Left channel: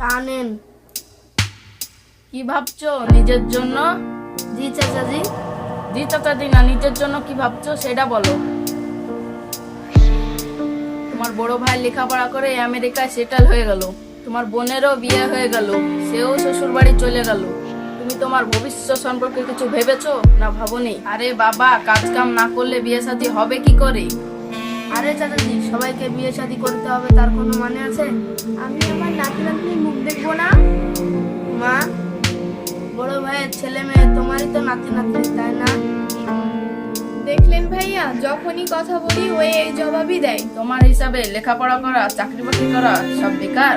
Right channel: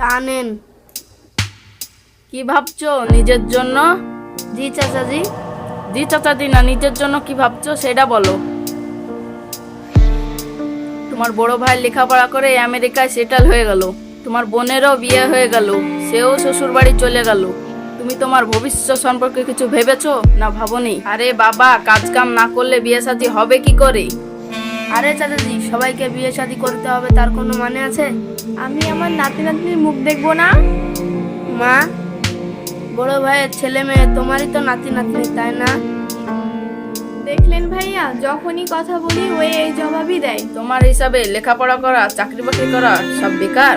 চা নেন কি ভাবছ? নিজের জন্য? জি চাচাজি। জি চাচাদি না, নিজের জন্য কি ভাবছ? সেটা বলো। তোমার বড় ভাই লেখাপড়া করে আমেরিকায় সেটেল হয়ে গেল। তোমার বোনেরও বিয়ে হয়ে গেল। সেও শ্বশুর বাড়ি চলে গেল। তুমি তোমার ভবিষ্যৎ সম্পর্কে কিছু ভেবেছো? না ভাবনি? আরে বাবা কাজ কাম না করলে বিয়ে শাদী হবে কি করে? আরে চাচাজি, সবাইকে বিয়ে শাদী করতে হবে, তার কোনো মানে আছে? আমি আমার নাতি নাতনির মুখ দেখব না। মা, বড় ভাইয়ের ছেলে মেয়ে, তোমারই তো নাতি নাতনি, তাই না? দেখলেন ভাইয়া, যখনই কথা বলি, ওই এই জবাবই দেয়। তোমার হিসাবে লেখাপড়া করা, চাকরি বাকরি করা, সব বেকার।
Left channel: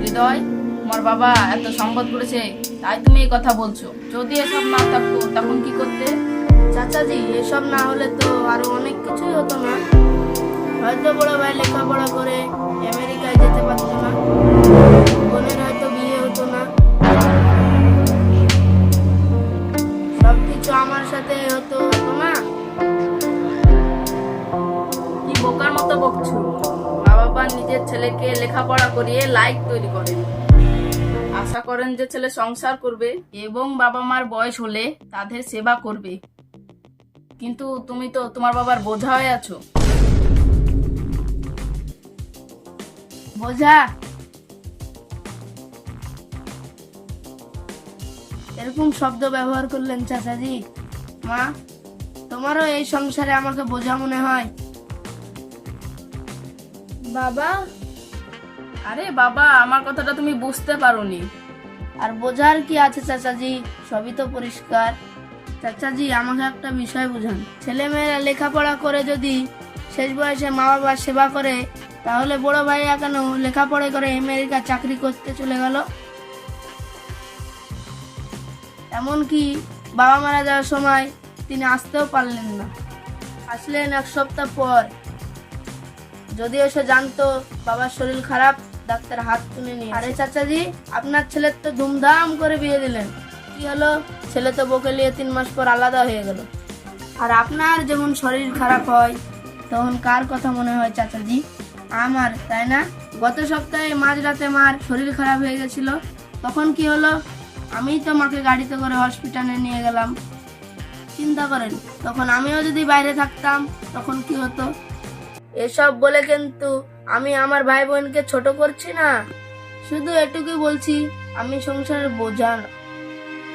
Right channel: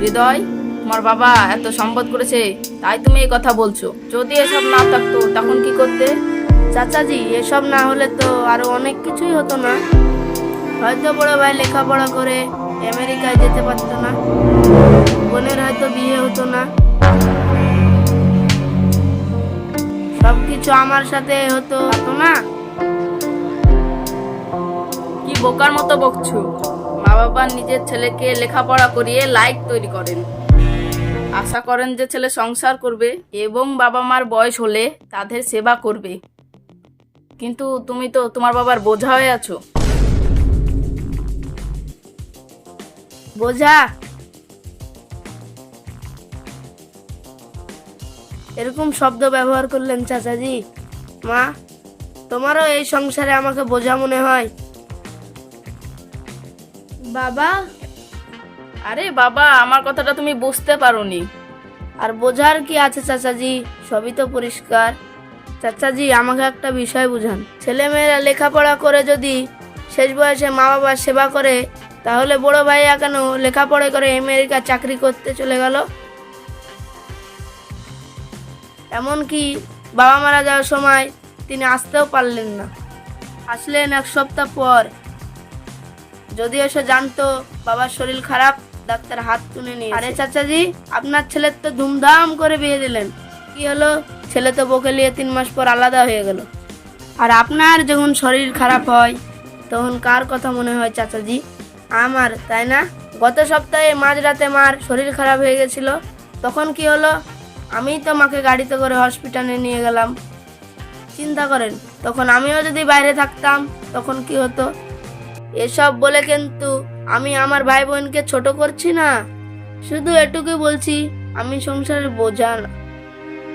হৃদয়, তোমার বাবা এত সম্পদ করেছে, তাই তুমি এই কথা বলছো। যদি এসব না থাকতো, তখন কি করতে? চাচাজি, এসব না হলে তো আরও অনেক কিছুই হতো না। হয়তো বড় ভাই লেখাপড়া করে আমেরিকায় যেতে পারতো না। বোনের হয়তো বিয়ে হতো না। সবকিছু আমার সাথে হতো হতো না। কি বোকার মতো বকছো? মা বাবা নিজের ছেলেকে লেখাপড়া করিয়ে লাইক তৈরি করেন। আশা করেন যে ছেলে সংসার করবে এবং বাবা মার বয়স হলে তাদের সেবা করবে। কিন্তু তুমি তো তোমার বাবার বোঝা হয়ে আছো। বোঝা? এরকম শব্দ ব্যবহার করলেন চাচাজি। মা, তোমারও এই সংসারে আমাকে বোঝা মনে হয়। বাবা? আরে বাবা, আমার কথাটা তুমি বুঝতে পারোনি। আর বোঝার কি আছে চাচাজি? সবই তো পরিষ্কার। চাচাজি, আমাকে একটা বিষয় বুঝান। ছেলে মেয়েরা লেখাপড়া করে যদি শেষ বয়সে মা বাবার সেবা করে, তাহলে বড় ভাইয়া কেন লেখাপড়া করে আমেরিকা চাকরি করতে চলে গেল? এমনকি বাবা মারা যাওয়ার সময় তিনি আসতেও পারলেন না। আসলেন এক সপ্তাহ পর। যদিও সে জানতো বাবার শরীর খারাপ, ডাক্তার হাত তুলে নিয়ে আরে চাচাজি, আপনার ছেলের তো ধুমধাম করে বিয়ে দিলেন। কি হলো? ছেলে তো বকে নিয়ে তিন মাস পর আলাদা হয়ে গেল। আর আপনার যখন শরীর খারাপ হয়, তখন কার কথা মনে হয় চাচাজি? আমার, তাই না? গত সপ্তাহে মাঝরাতে মার শরীর খারাপ হয়ে গেছিল, তখন কি হলো? আমি তো মাকে গাড়িতে করে হসপিটালে নিয়ে গেলাম। চিন্তা করেন, তখন আমিও যদি বাইরে থাকতাম, তখন কি হতো? এসব বলে কিন্তু আমি আমার ভাই বোনকে ছোট করছি না। শুধু এটুকুই বলছি, আমি সংসারের বোঝা না।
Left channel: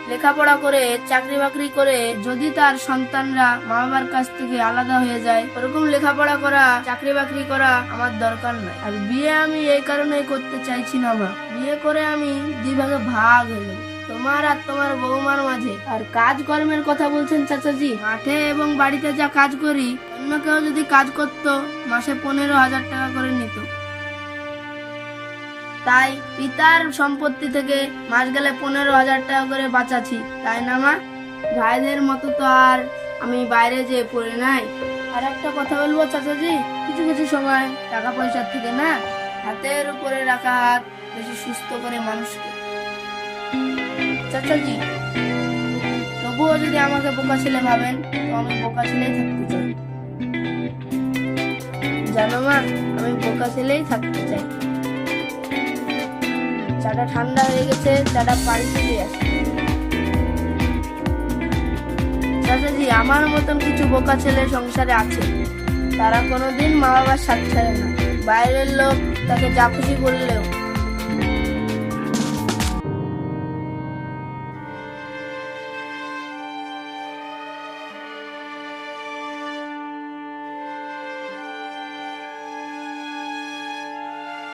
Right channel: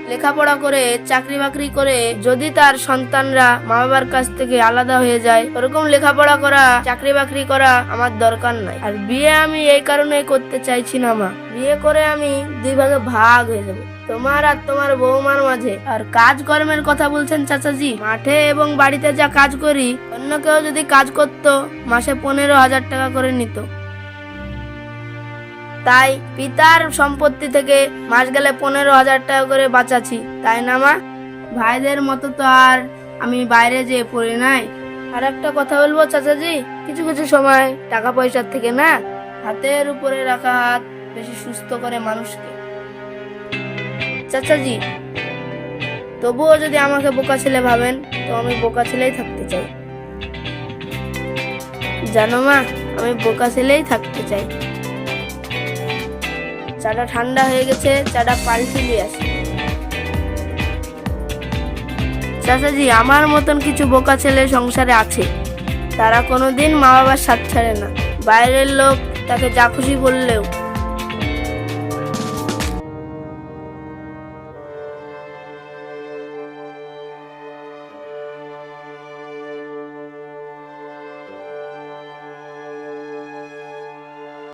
লেখাপড়া করে, চাকরি বাকরি করে, যদি তার সন্তানরা মা বাবার কাছ থেকে আলাদা হয়ে যায়, ওরকম লেখাপড়া করা, চাকরি বাকরি করা আমার দরকার নাই। আর বিয়ে আমি এই কারণে করতে চাইছি না, মা। বিয়ে করে আমি দুই ভাগে ভাগ হয়ে যাব। তোমার আর তোমার বৌমার মাঝে। আর কাজ কর্মের কথা বলছেন চাচাজি। মাঠে এবং বাড়িতে যা কাজ করি, অন্য কেউ যদি কাজ করতো, মাসে পনেরো হাজার টাকা করে নিত। তাই পিতার সম্পত্তি থেকে মাস গেলে পনেরো হাজার টাকা করে বাঁচাচ্ছি। তাই না, মা? ভাইদের মতো তো আর আমি বাইরে যেয়ে পড়ে নাই। আর একটা কথা বলব চাচাজি, কিছু কিছু সময় টাকা পয়সার থেকে না হাতের উপরে রাখা হাত বেশি সুস্থ করে মানুষকে। চাচাজি, তবুও যদি আমাকে বোকা ছেলে ভাবেন, তো আমি বোকা ছেলেই থাকতে চাই। জানো মা, আমি বোকা ছেলেই থাকতে চাই। চাটা ঠান্ডা হয়ে গেছে, চাটা পাল্টে দিয়ে আসি। চাচাজি, আমার মতন কিছু বোকা ছেলে সংসারে আছে। তারা কোনোদিন মা বাবার সাথ ছাড়ে না। বাইরের লোক তাকে যা খুশি বললেও